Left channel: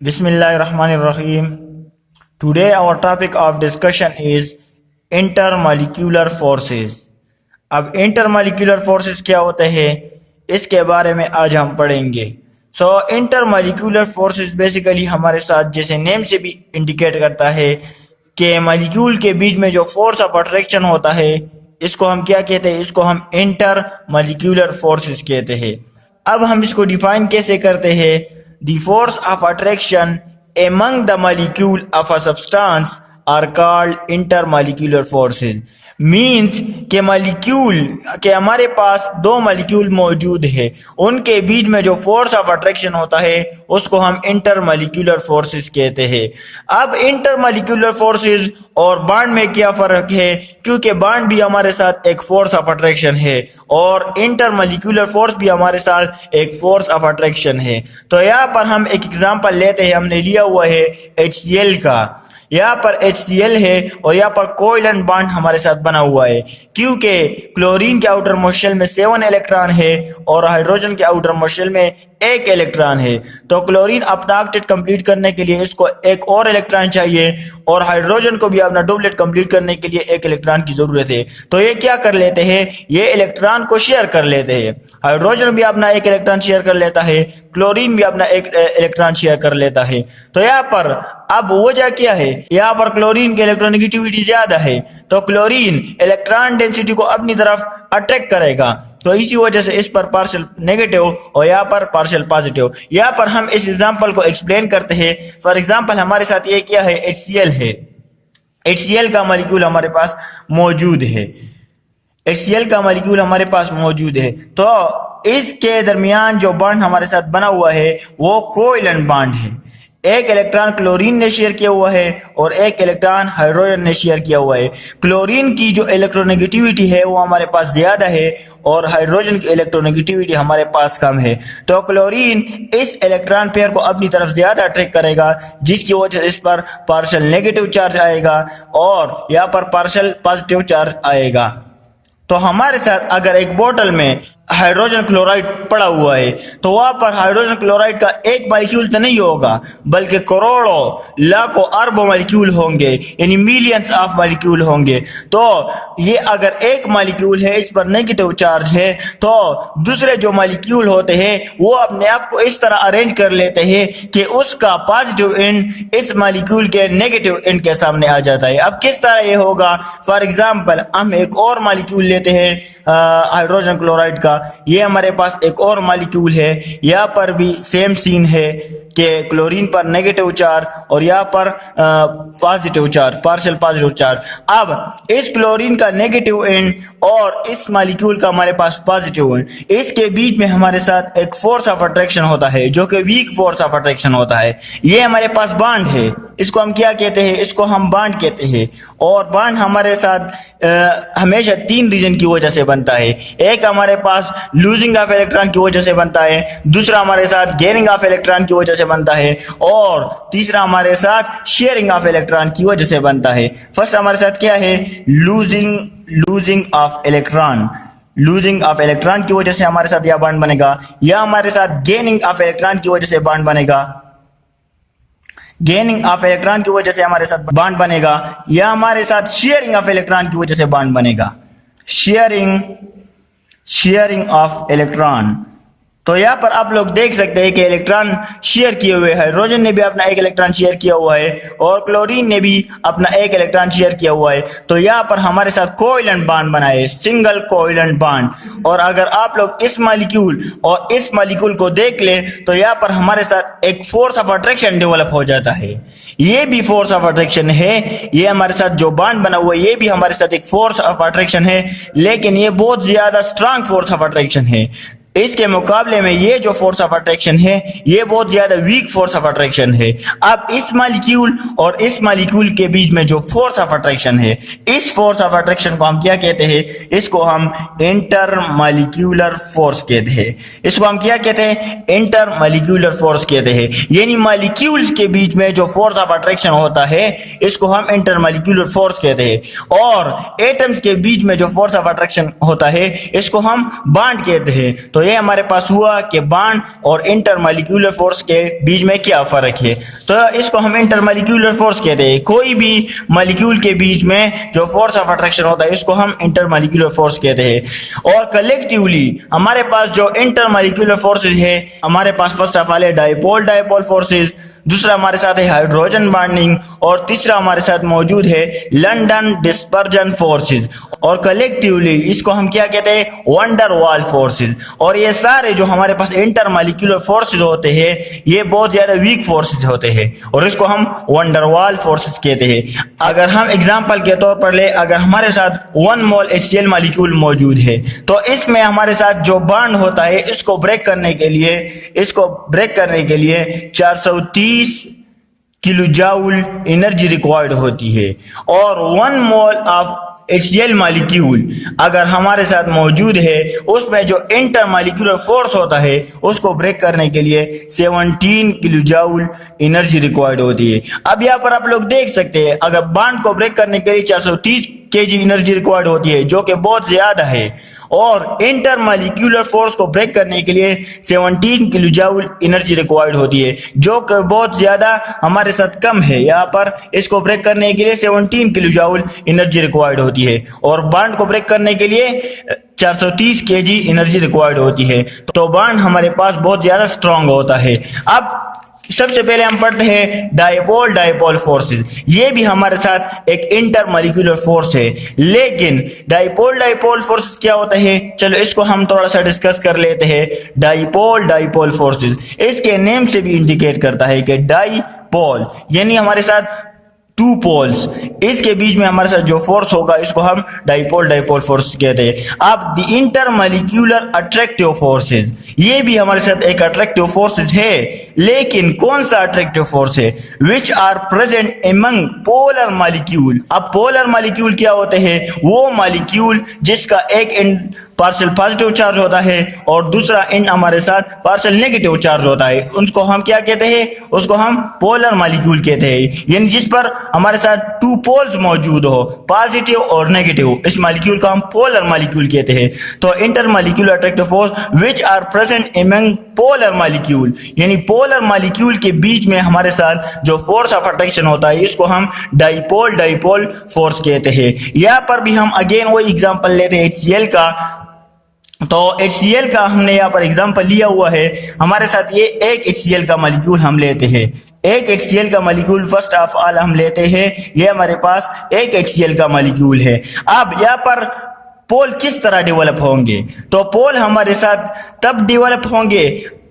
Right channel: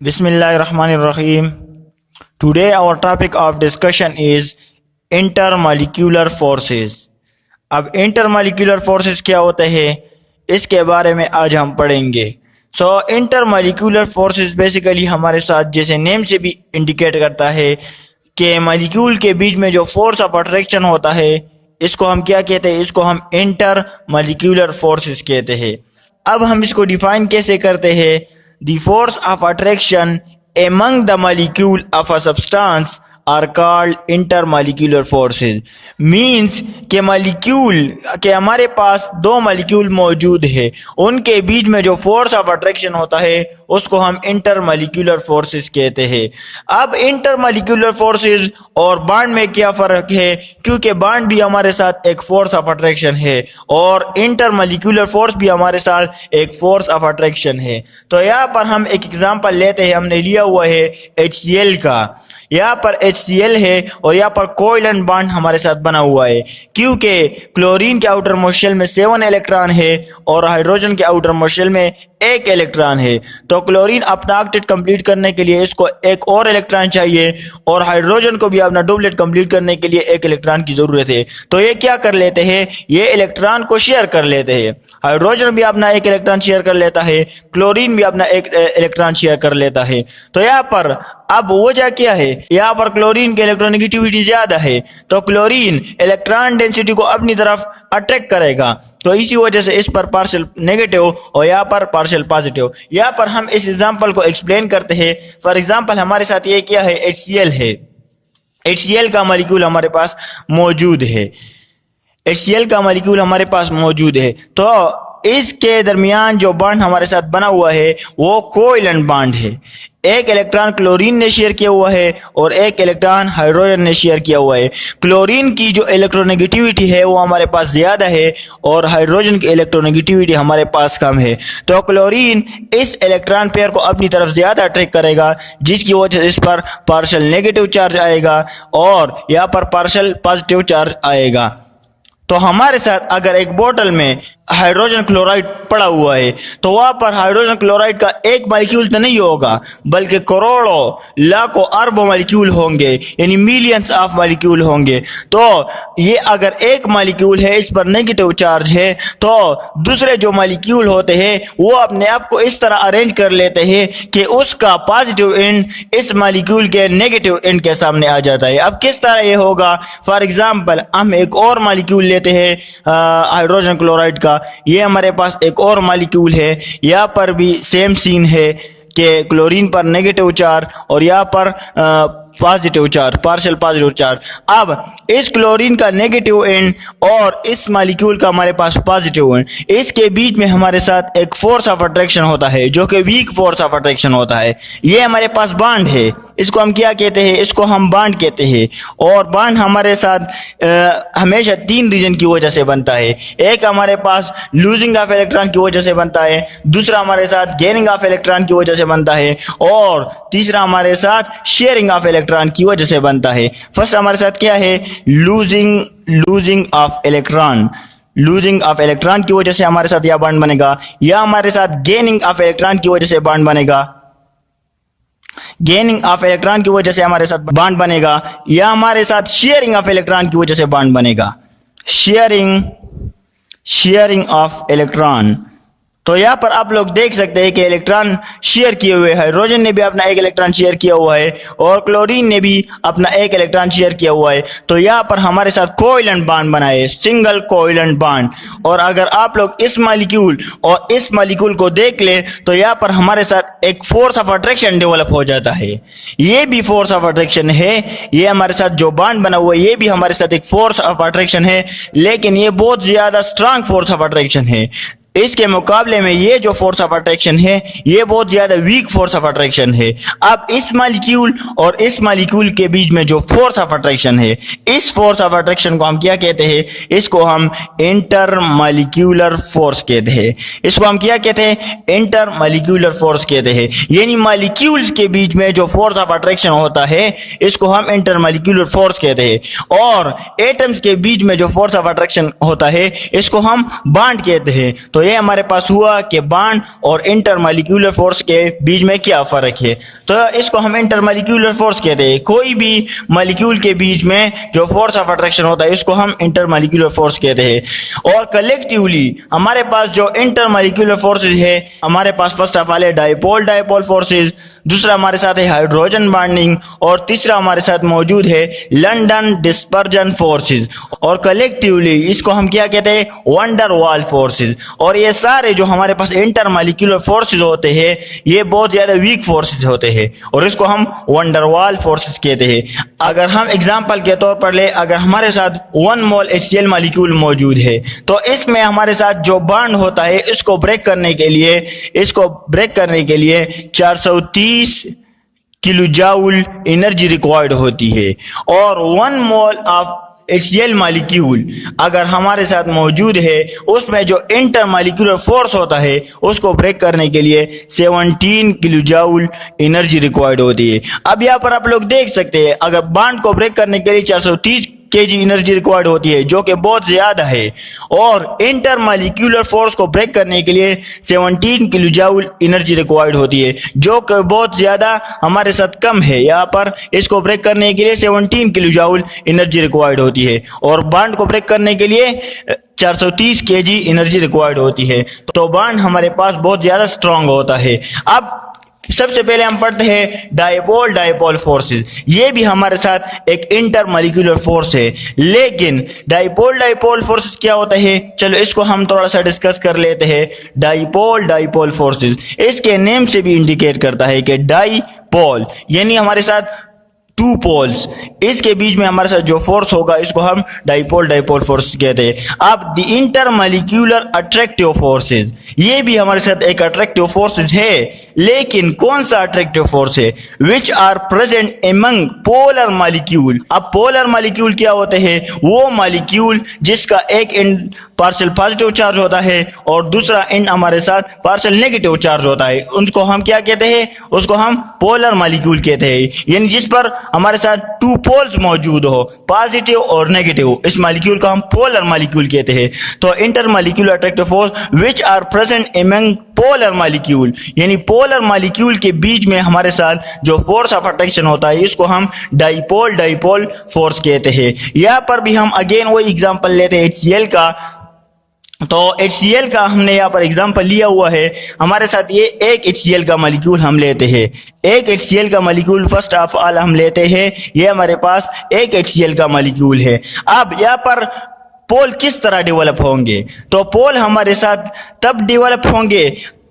Bismillahirrahmanirrahim. Today our topic of discussion is intermolecular forces. अब intermolecular forces क्या होते हैं इसके बारे में आज हम पढ़ेंगे. सो intermolecular forces बेसिकली हमारे साथ जैसे नेम से भी इंडिकेट करता है कि मॉलिक्यूल के बीच में जो फोर्स ऑफ अट्रैक्शन होता है इसको हम क्या कहते हैं, इसको हम इंटरमॉलिक्यूलर फोर्सेस कहते हैं. अब हम इसको डिफाइन कैसे करते हैं. The force of attraction among the molecule of a substance are called intermolecular forces. Means के मॉलिक्यूल के हमारे पास दो मॉलिक्यूल मौजूद है, उनके बीच में जो फोर्स ऑफ अट्रैक्शन होता है उसको हम इंटरमॉलिक्यूलर फोर्सेस कहते हैं. अब इंटरमॉलिक्यूलर फोर्सेस और बॉन्ड में क्या फर्क है, क्योंकि बॉन्ड भी हमारे साथ एक फोर्स ऑफ अट्रैक्शन है और इंटरमॉलिक्यूलर फोर्स भी हमारे साथ एक फोर्स ऑफ अट्रैक्शन है. तो यहाँ पर हम एक एग्जांपल लेते हैं. हमने लिया हुआ है HCl का. यहाँ पर HCl है और यहाँ पर कोवैलेंट बॉन्ड हमारे साथ बना हुआ है, क्योंकि क्लोरीन के आउटर मोस्ट शेल में 7 इलेक्ट्रॉन है और हाइड्रोजन के आउटर मोस्ट शेल में 1 इलेक्ट्रॉन है. तो क्लोरीन अपना ऑक्टेट कंप्लीट करने के लिए इसको एक और इलेक्ट्रॉन चाहिए और हाइड्रोजन को भी अपना डुप्लेट कंप्लीट करने के लिए 1 इलेक्ट्रॉन की जरूरत है. तो ये क्या कर लेते हैं, ये इलेक्ट्रॉन को शेयर कर लेते हैं. हाइड्रोजन भी अपना 1 इलेक्ट्रॉन शेयर कर लेता है, क्लोरीन भी अपना 1 इलेक्ट्रॉन शेयर कर लेता है. तो यहाँ पर अब वजह क्या है, यहाँ पर क्लोरीन की इलेक्ट्रोनेगेटिविटी ज्यादा है तो क्लोरीन इलेक्ट्रॉन डेंसिटी को अपनी तरफ अट्रैक्ट करेगा. तो इसी वजह से इस पर पार्शियल नेगेटिव और यहाँ पर पार्शियल पॉजिटिव. यहाँ पर हम इस एग्जांपल को एक्सप्लेन करते हैं. फॉर एग्जांपल हमारे साथ ये क्या है, HCl है. HCl का मॉलिक्यूल हमारे पास मौजूद है. HCl का मॉलिक्यूल हमारे पास मौजूद है. तो इसके दरमियान जो बॉन्ड हमारे साथ बना हुआ है वो कोवैलेंट बॉन्ड है. 1 इलेक्ट्रॉन क्लोरीन ने शेयर किया हुआ है और 1 इलेक्ट्रॉन हाइड्रोजन ने शेयर किया हुआ है. क्लोरीन की जो इलेक्ट्रोनेगेटिविटी है वो हमारे पास ज्यादा है और हाइड्रोजन की इलेक्ट्रोनेगेटिविटी हमारे पास कम है. तो क्लोरीन इस इलेक्ट्रॉन पेयर को अपनी तरफ ज्यादा अट्रैक्ट करेगा, जिसकी वजह से इस पर पार्शियल नेगेटिव चार्ज आएगा और यहाँ पर पार्शियल पॉजिटिव चार्ज आएगा. तो हमारे साथ अगर एक बोतल में हाइड्रोजन क्लोराइड पड़ा हुआ है तो वहां पर हाइड्रोजन क्लोराइड का एक मॉलिक्यूल तो नहीं होगा, बल्कि करोड़ों लाखों अरबों मॉलिक्यूल होंगे, यानी मिलियंस ऑफ मॉलिक्यूल होंगे. तो ये अगर एक मॉलिक्यूल है इस पर नेगेटिव चार्ज है तो दूसरे जो मॉलिक्यूल होते हैं वो अपने आप को इस तरह अरेंज कर लेते हैं कि उसका पॉजिटिव एंड इस मॉलिक्यूल के नेगेटिव एंड के सामने आ जाता है. अब किस तरह ये होगा, फॉर एग्जाम्पल हम एक और मॉलिक्यूल लेते हैं हाइड्रोजन क्लोराइड का. ये हमारे पास एक और मॉलिक्यूल है. यहाँ पर भी सेम सीन है कि क्लोरीन पर नेगेटिव चार्ज और यहाँ पर positive charge, partial positive charge. अब इस क्लोरीन का नेगेटिव एंड और इस मॉलिक्यूल का हमारे पास पॉजिटिव एंड, इसके बीच में हमारे साथ एक फोर्स ऑफ अट्रैक्शन होता है जो कि वीक फोर्स ऑफ अट्रैक्शन होता है. ये हमारे पास बॉन्ड है, इसको हम क्या कहते हैं, इसको हम बॉन्ड कहते हैं. और बॉन्ड हमारे साथ हमेशा 3 रीजन की वजह से बनता है. एक हमारे पास लूजिंग ऑफ इलेक्ट्रॉन की वजह से बनता है, दूसरा हमारे साथ गेनिंग ऑफ इलेक्ट्रॉन की वजह से बनता है और तीसरा हमारे साथ शेयरिंग ऑफ इलेक्ट्रॉन की वजह से बनता है. फर्स्ट हमारे साथ क्या है, losing of electron. Losing of electron की वजह से हमारे साथ यह बॉन्ड बनेगा, या हमारे साथ गेनिंग ऑफ इलेक्ट्रॉन की वजह से बॉन्ड बनेगा. गेनिंग ऑफ इलेक्ट्रॉन की वजह से हमारे साथ बॉन्ड बनेगा, या हमारे साथ शेयरिंग ऑफ इलेक्ट्रॉन की वजह से बॉन्ड बनेगा. Sharing of electron. तो यहाँ पर आप लोग देख सकते हैं कि इलेक्ट्रॉन शेयर किए हुए हैं. हाइड्रोजन ने भी अपना 1 इलेक्ट्रॉन शेयर किया हुआ है और क्लोरीन ने भी अपना 1 इलेक्ट्रॉन शेयर किया हुआ है. तो यहाँ पर हमारे साथ कोवैलेंट बॉन्ड बना है, सिंगल कोवैलेंट बॉन्ड. और अगर आप लोग इस मॉलिक्यूल और इस मॉलिक्यूल को देख ले तो यहाँ पर हमारे साथ एक फोर्स ऑफ अट्रैक्शन डेवलप हो जाता है. ये भी फोर्स ऑफ अट्रैक्शन है. ये हमारे साथ जो बॉन्ड बना हुआ है ये भी हमारे साथ एक फोर्स ऑफ अट्रैक्शन है, लेकिन ये बहुत ज्यादा स्ट्रांग फोर्स ऑफ अट्रैक्शन है. इसके मुकाबले में ये जो फोर्स ऑफ अट्रैक्शन है ये बहुत ज्यादा वीक फोर्स ऑफ अट्रैक्शन है. अब इस मॉलिक्यूल और इस मॉलिक्यूल के बीच में जो फोर्स ऑफ अट्रैक्शन है, इस फोर्स ऑफ अट्रैक्शन को हम क्या कहते हैं, इसको हम इंटरमॉलिक्यूलर फोर्स कहते हैं. इसको हम क्या कहते हैं, इंटरमॉलिक्यूलर फोर्स कहते हैं. यानी मॉलिक्यूल्स के बीच में जो फोर्स ऑफ अट्रैक्शन होता है इसको हम इंटरमॉलिक्यूलर फोर्स कहते हैं. और एटम्स के बीच में जो फोर्स ऑफ अट्रैक्शन होता है इसको हम बॉन्ड कहते हैं. तो तो ये हमारे पास हुआ कि बॉन्ड और इंटरमॉलिक्यूलर फोर्स के बीच में क्या फर्क है। तो इसको हम इंटरमॉलिक्यूलर फोर्स कहते हैं। कोई भी मॉलिक्यूल के बीच में जो फोर्स ऑफ अट्रैक्शन होता है इसको हम इंटरमॉलिक्यूलर फोर्स कहते हैं। और कलेक्टिवली हमारे पास जो इंटरमॉलिक्यूलर फोर्सेज है, हमारे पास फर्स्ट ऑफ ऑल है डाइपोल डाइपोल फोर्सेज, दूसरा हमारे साथ है हाइड्रोजन बॉन्डिंग, और तीसरा हमारे साथ मौजूद है लंदन डिस्पर्जन फोर्सेज। और कलेक्टिवली इसको हम क्या कहते हैं, वंडर वाल फोर्सेज। और ये सारे जो हमारे पास इंटरमॉलिक्यूलर फोर्सेज होते हैं ये बहुत ज्यादा वीक फोर्सेज होते हैं और इसको हम वंडर वाल फोर्सेज कहते हैं। अगर हम एग्जांपल के तौर पर ले, अगर हमारे साथ 1 मोल HCl मॉलिक्यूल मौजूद है तो इसमें हमारे साथ जो बॉन्ड होता है इसको ब्रेक करने के लिए 430 किलो जूल एनर्जी रिक्वायर्ड होती है। और 1 मोल ऑफ HCl मॉलिक्यूल अगर हमारे साथ मौजूद है उसमें जो इंटरमॉलिक्यूलर फोर्स होता है उसको ब्रेक करने के लिए 17 किलो जूल एनर्जी रिक्वायर्ड होती है। अब यहाँ पर आप लोग देख सकते हैं अगर बॉन्ड को ब्रेक करने के लिए 430 kg एनर्जी रिक्वायर्ड होती है जो कि बहुत ज्यादा है, और इंटरमॉलिक्यूलर फोर्स को ब्रेक करने के लिए 17 किलो जूल एनर्जी रिक्वायर्ड होती है जो कि बहुत ज्यादा हमारे साथ कम है। यहाँ पर इसको ब्रेक करने के लिए 17 किलो जूल एनर्जी रिक्वायर्ड होती है और बॉन्ड को ब्रेक करने के लिए 430 kg एनर्जी रिक्वायर्ड होती है। तो बॉन्ड हमारे पास बहुत ज्यादा स्ट्रांग होता है। अब सबसे पहले हम पढ़ते हैं डाइपोल डाइपोल फोर्सेस। ये भी हमारे साथ एक इंटरमॉलिक्यूलर फोर्स है, लेकिन डाइपोल डाइपोल फोर्सेस क्या होता है, चलो इसको हम थोड़ा सा डिस्कस कर लेते हैं। डाइपोल डाइपोल फोर्सेस इसके नेम से भी इंडिकेट करता है कि डाइपोल यानी हमारे साथ 2 पोल्स, इसके बीच में हमारे साथ जो फोर्स होगा इसको हम डाइपोल डाइपोल फोर्स कहते हैं। अब द इंटरमॉलिक्यूलर अट्रैक्टिव फोर्सेस, ये भी हमारे साथ एक अट्रैक्टिव फोर्सेस है, लेकिन कौन सा अट्रैक्टिव फोर्स है, which are present among polar molecule. अब पोलर मॉलिक्यूल क्या होते हैं, वो मॉलिक्यूल जिसका एक एंड पार्शियल पॉजिटिव चार्ज होता है और दूसरा एंड हमारे साथ पार्शियल नेगेटिव चार्ज होता है, उसको हम क्या कहते हैं, उसको हम पोलर मॉलिक्यूल कहते हैं। यानी जिस पर हमारे साथ 2 पोल्स मौजूद हो, पॉजिटिव और नेगेटिव, इस मॉलिक्यूल को हम पोलर मॉलिक्यूल कहते हैं। तो intermolecular attractive force which are present among polar molecule, यानी पोलर मॉलिक्यूल के बीच में हमारे साथ जो फोर्स ऑफ अट्रैक्शन होता है इसको हम डाइपोल डाइपोल फोर्स कहते हैं। यहाँ पर भी हम अगेन वही एग्जांपल लेते हैं HCl का। तो HCl का हमने यहाँ पर एग्जांपल लिया हुआ है। हमारे साथ ये एक HCl का मॉलिक्यूल हम लेते हैं, एक HCl का मॉलिक्यूल फर्स्ट ऑफ ऑल हम लेते हैं, ये हमारे पास एक HCl का मॉलिक्यूल है। अब यहाँ पर पोल किस तरह डेवलप होंगे, तो पोल हमारे साथ तब डेवलप होंगे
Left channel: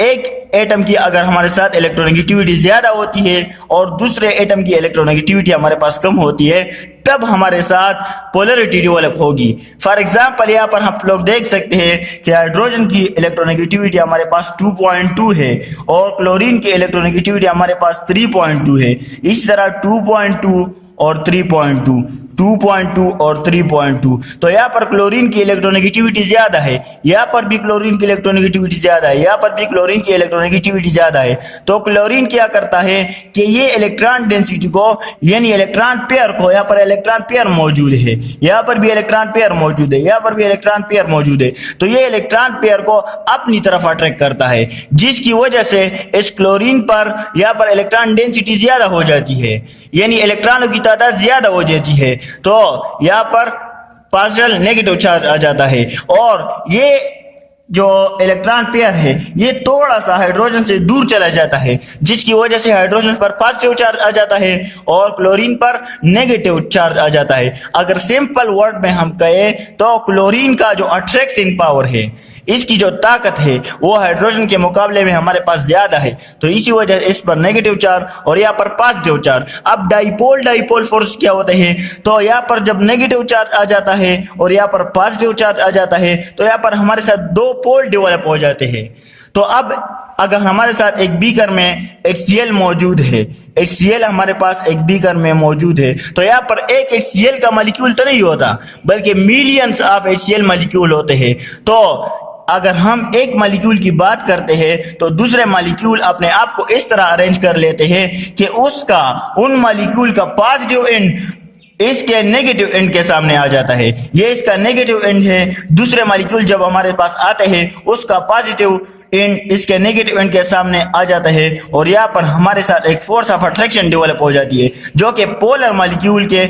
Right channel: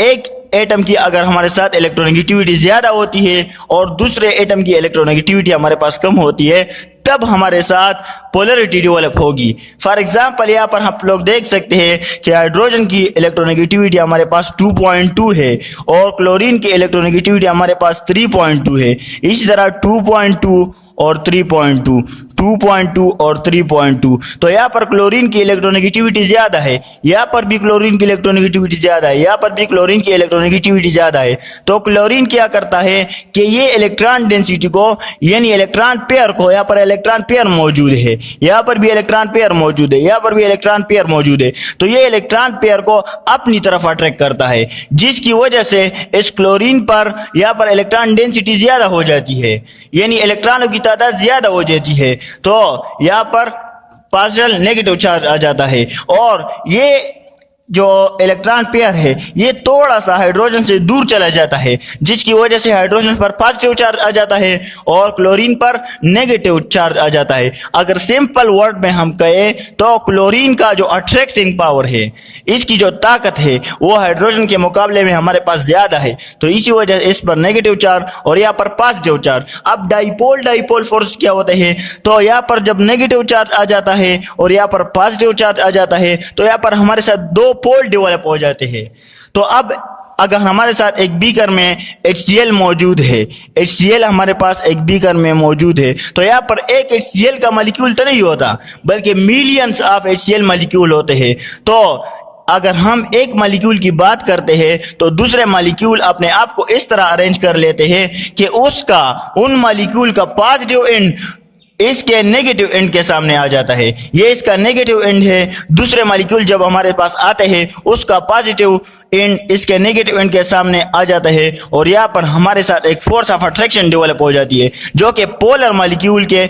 एक एटम की अगर हमारे साथ इलेक्ट्रोनेगेटिविटी ज्यादा होती है और दूसरे एटम की इलेक्ट्रोनेगेटिविटी हमारे पास कम होती है, तब हमारे साथ पोलरिटी डेवलप होगी। फॉर एग्जांपल यहाँ पर हम लोग देख सकते हैं कि हाइड्रोजन की इलेक्ट्रोनेगेटिविटी हमारे पास 2.2 है और क्लोरीन की इलेक्ट्रोनेगेटिविटी हमारे पास 3.2 है। इसी तरह 2.2 और 3.2, 2.2 और 3.2। तो यहाँ पर क्लोरीन की इलेक्ट्रोनेगेटिविटी ज्यादा है, यहाँ पर भी क्लोरीन की इलेक्ट्रोनेगेटिविटी ज्यादा है, यहाँ पर भी क्लोरीन की इलेक्ट्रोनेगेटिविटी ज्यादा है। तो क्लोरीन क्या करता है कि ये इलेक्ट्रॉन डेंसिटी को यानी इलेक्ट्रॉन पेयर को, यहाँ पर इलेक्ट्रॉन पेयर मौजूद है, यहाँ पर भी इलेक्ट्रॉन पेयर मौजूद है, यहाँ पर भी इलेक्ट्रॉन पेयर मौजूद है, तो ये इलेक्ट्रॉन पेयर को अपनी तरफ अट्रैक्ट करता है, जिसकी वजह से इस क्लोरीन पर यहाँ पर इलेक्ट्रॉन डेंसिटी ज्यादा हो जाती है, यानी इलेक्ट्रॉनों की तादाद ज्यादा हो जाती है। तो यहाँ पर पार्शियल नेगेटिव चार्ज आ जाता है और ये जो इलेक्ट्रॉन पेयर है ये थोड़ा सा हाइड्रोजन से दूर चला जाता है, जिसकी वजह से हाइड्रोजन पर पॉजिटिव चार्ज आ जाता है और क्लोरीन पर नेगेटिव चार्ज आ जाता है। अगर सिंपल वर्ड में हम कहें तो क्लोरीन का जो अट्रैक्टिंग पावर है, इसकी जो ताकत है वो हाइड्रोजन के मुकाबले में हमारे पास ज्यादा है, तो इसी वजह से इस पर नेगेटिव चार्ज और यहाँ पर पॉजिटिव चार्ज। अब डाइपोल डाइपोल फोर्स क्या होते हैं, तो यहाँ पर जब नेगेटिव चार्ज आ जाता है और यहाँ पर पॉजिटिव चार्ज आ जाता है तो यहाँ पर हमारे साथ 2 पोल डेवलप हो जाते हैं। तो अब अगर हमारे साथ एक बीकर में HCl मौजूद है, HCl हमारे पास एक बीकर में मौजूद है, तो यहाँ पर एक HCl का मॉलिक्यूल तो नहीं होता बल्कि मिलियंस ऑफ HCl मॉलिक्यूल होते हैं। तो अगर हम एक मॉलिक्यूल की बात करते हैं तो दूसरे मॉलिक्यूल अपने आप को इस तरह अरेंज कर लेते हैं कि उसका उन मॉलिक्यूल का पॉजिटिव एंड इसके नेगेटिव एंड के सामने आ जाता है। ये इसका नेगेटिव एंड है। दूसरे मॉलिक्यूल जब हमारे पास आते हैं उसका पॉजिटिव एंड इसके नेगेटिव एंड के सामने आ जाता है और यहाँ पर हमारे साथ एक फोर्स ऑफ अट्रैक्शन डेवलप हो जाती है जो कि पोलर मॉलिक्यूल के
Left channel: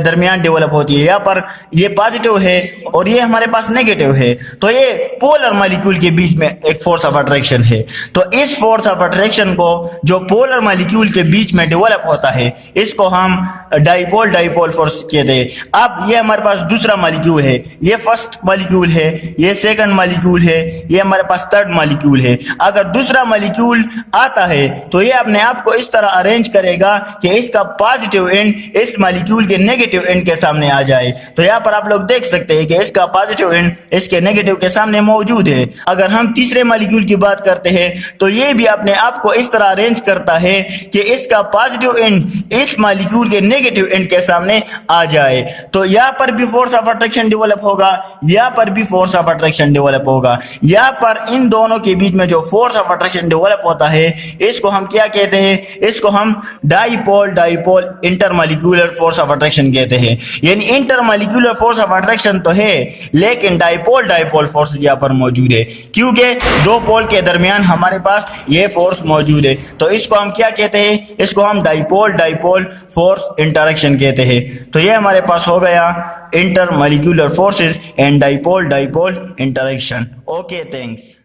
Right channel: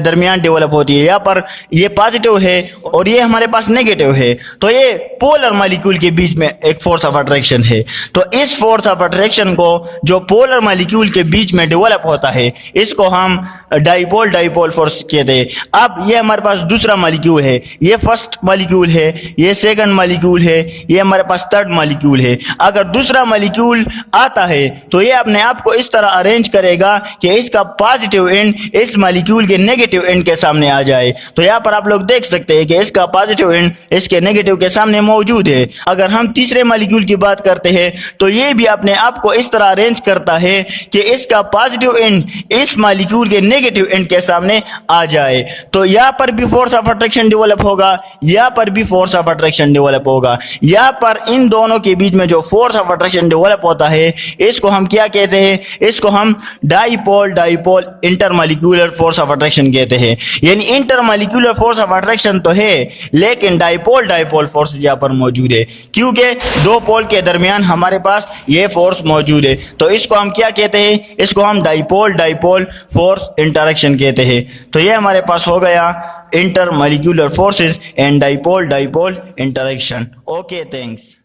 दरमियान डेवलप होती है। यहाँ पर ये पॉजिटिव है और ये हमारे पास नेगेटिव है, तो ये पोलर मॉलिक्यूल के बीच में एक फोर्स ऑफ अट्रैक्शन है। तो इस फोर्स ऑफ अट्रैक्शन को जो पोलर मॉलिक्यूल के बीच में डेवलप होता है इसको हम डाइपोल डाइपोल फोर्स कहते हैं। अब ये हमारे पास दूसरा मॉलिक्यूल है, ये फर्स्ट मॉलिक्यूल है, ये सेकंड मॉलिक्यूल है, ये हमारे पास थर्ड मॉलिक्यूल है। अगर दूसरा मॉलिक्यूल आता है तो ये अपने आप को इस तरह अरेंज करेगा कि इसका पॉजिटिव एंड इस मॉलिक्यूल के नेगेटिव एंड के सामने आ जाए। तो यहाँ पर आप लोग देख सकते हैं कि इसका पॉजिटिव एंड इसके नेगेटिव के सामने मौजूद है। अगर हम तीसरे मॉलिक्यूल की बात करते हैं तो ये भी अपने आप को इस तरह अरेंज करता है कि इसका पॉजिटिव एंड इस मॉलिक्यूल के नेगेटिव एंड के सामने आ जाए। तो यहाँ पर भी फोर्स ऑफ अट्रैक्शन डेवलप होगा, यहाँ पर भी फोर्स ऑफ अट्रैक्शन डेवलप होगा। यहाँ पर इन दोनों के बीच में जो फोर्स ऑफ अट्रैक्शन डेवलप होता है इसको हम क्या कहते हैं? इसको हम dipole dipole intermolecular force of attraction कहते हैं। यानी इंटरमॉलिक्यूलर फोर्स ऑफ अट्रैक्शन तो है लेकिन डाइपोल डाइपोल फोर्स यहाँ पर मौजूद है क्योंकि दो पोल के दरमियान हमारे पास ये फोर्स मौजूद है। तो इसको हम क्या कहते हैं? इसको हम डाइपोल डाइपोल फोर्स इंटरेक्शन कहते हैं। तो ये हमारे पास हो गया intermolecular forces and dipole dipole interaction. Okay, thanks.